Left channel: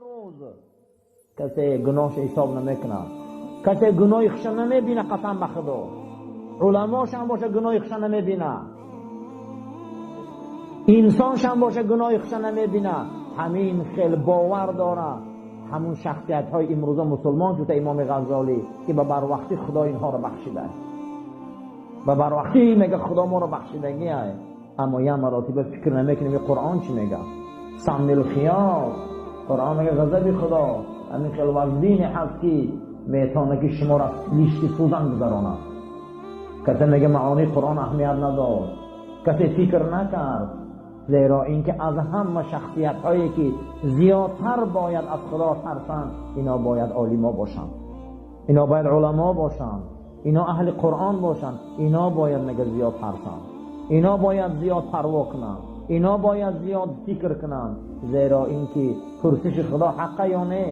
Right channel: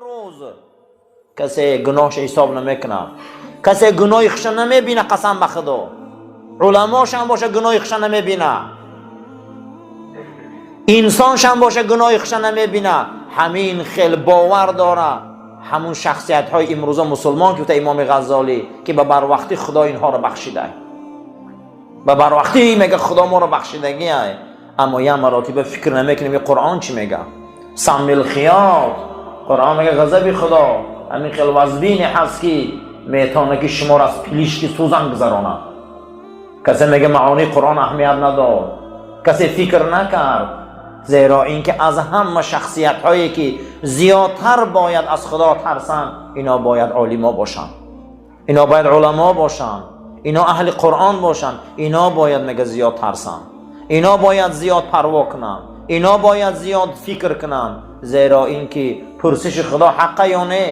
امروز کسی گناهش حساب نمیکنه، کسی گناهش نمیبینه، قسم به خدا علماش هم باشه گناهش نمیبینه، انسانش هم باشه گناهش نمیبینه. همین خیل باور داره همون شخصیت های امروزه مسلمان که امام غزالی که به بروقتی خدا اینها رو بخشیده، به بروقتی میگه خدا ما رو بخشیدگی، اما یه مراتب فکر نمیکنیم قرآن چی میگه. سمی الخیاط، قرآن میگه غضب خدا همین خیل وزبینی هست که میتونه که شما را از پلیشکی سوزن گذرانه. کسی میگه معانی قرآن اهمیت نداد، کسی فکر نکرد، زیرا اینکه از همه شخصیت هایی که زیادتر باید از خدا ترسن اینا باید عالما باشن، اینا باید علما باشن، اینا اهل قرآن باشن، اینا باید میگه زیاد ترسن، اینا باید زیاد پروا کنن، اینا باید زیاد فکر کنن، زیرا اینکه پرسش خدا حقه یا نه.